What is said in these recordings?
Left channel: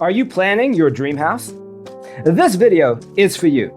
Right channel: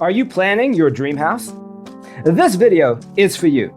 Are you planning your dream house? This video is for you.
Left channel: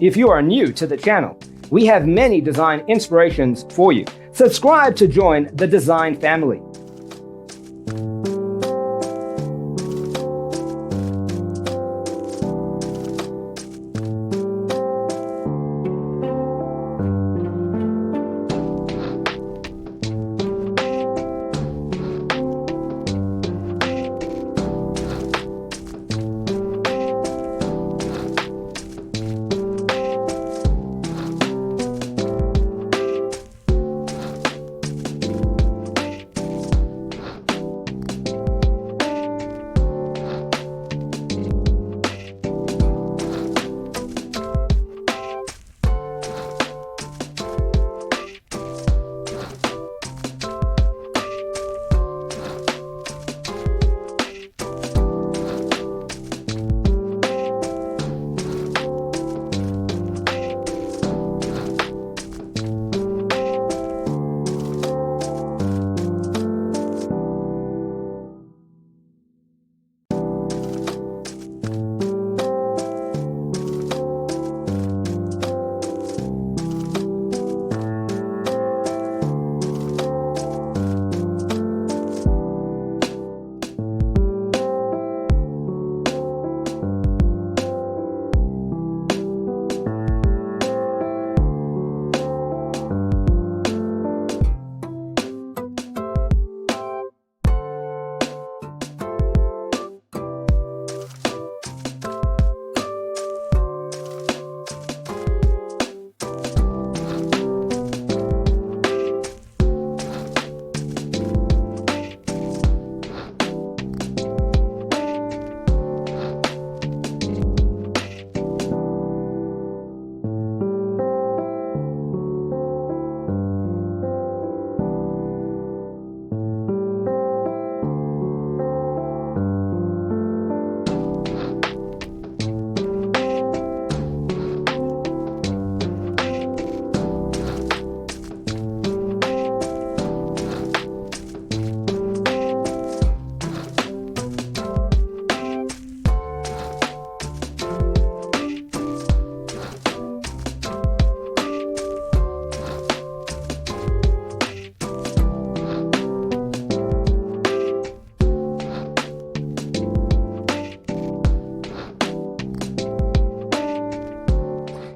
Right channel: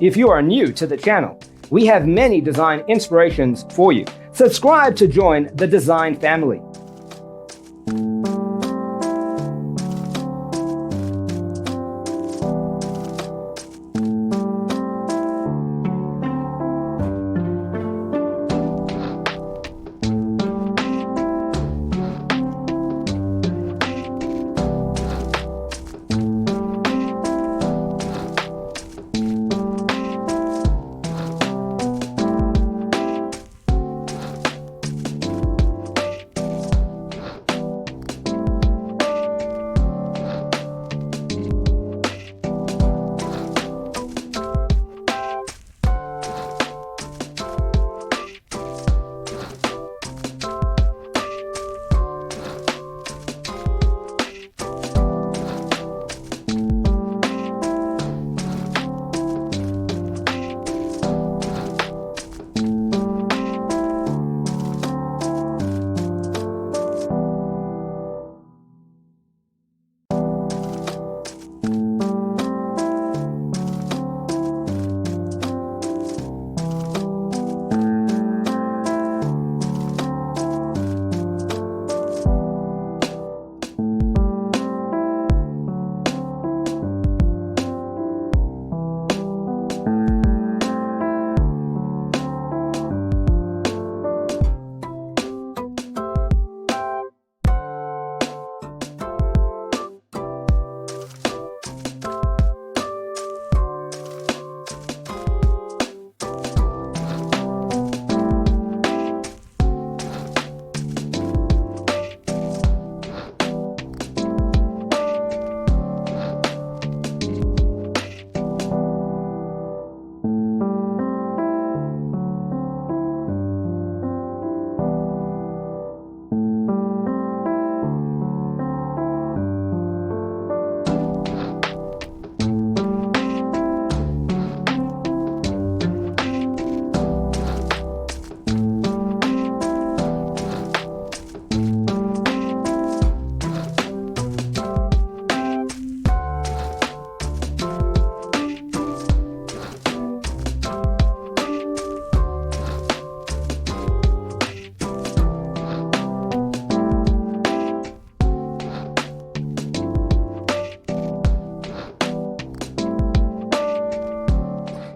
If you are new to the channel, we have many design inspirations for you. Subscribe to join the design family.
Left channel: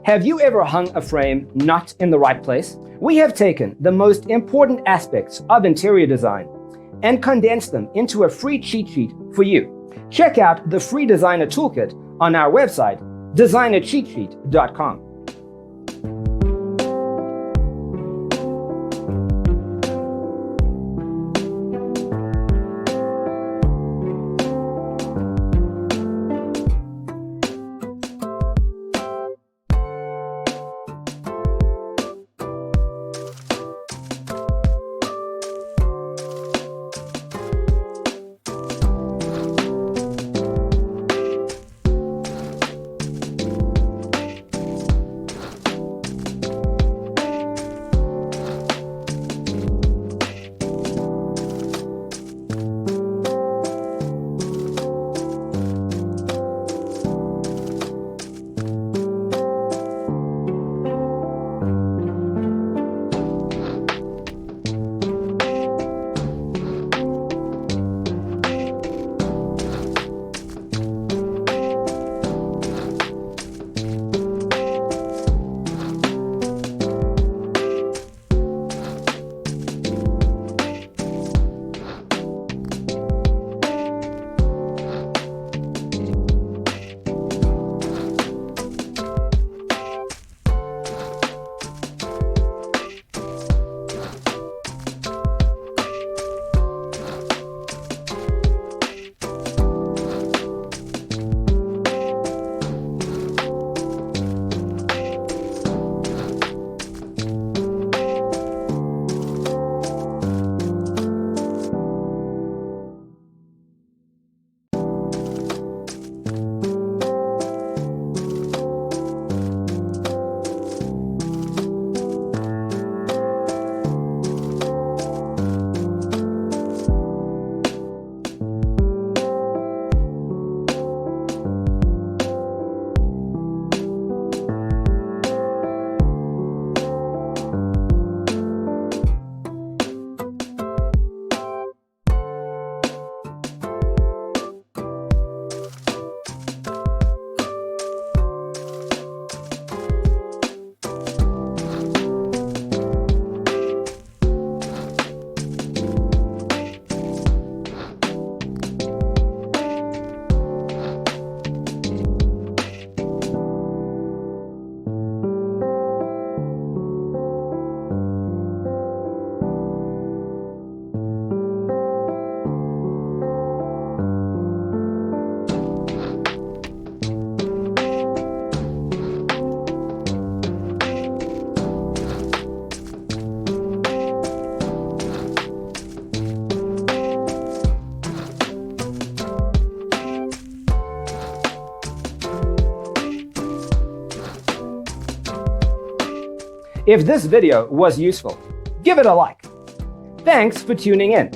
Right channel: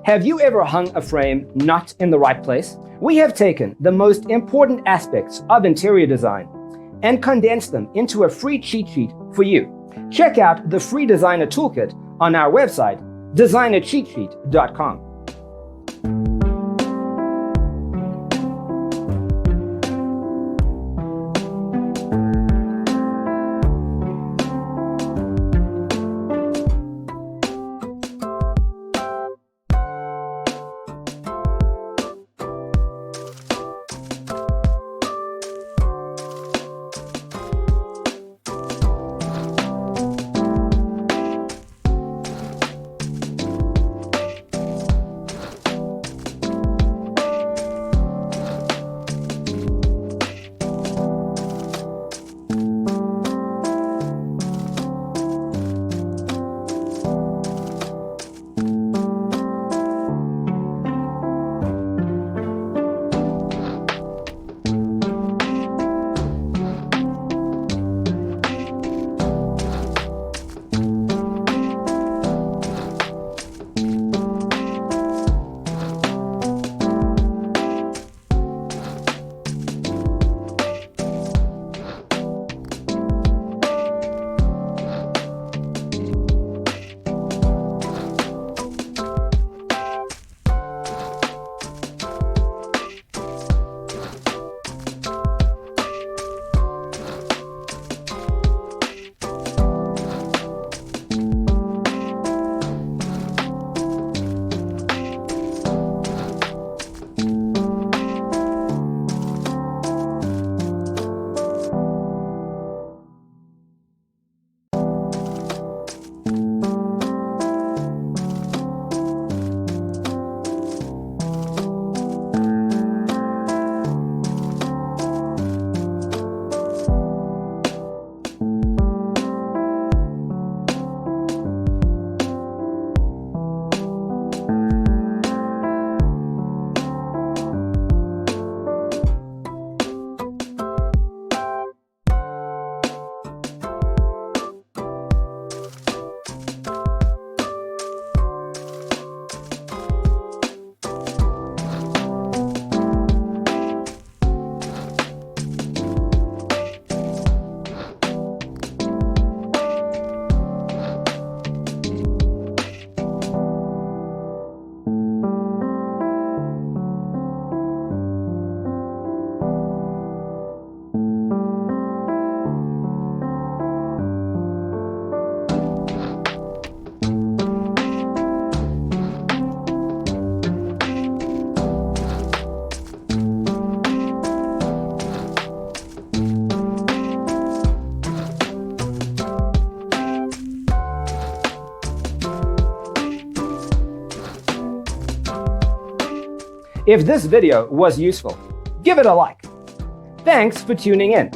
Have you ever hung a frame not in the right place? We have taken the most important aspects of interior design and condensed them into a free cheat sheet for you. Check out the free designer toolkit on our website, designercheatsheet.com. If this video was useful, give it a like. Thanks for tuning in.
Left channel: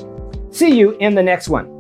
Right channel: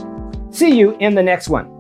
See you in the next one.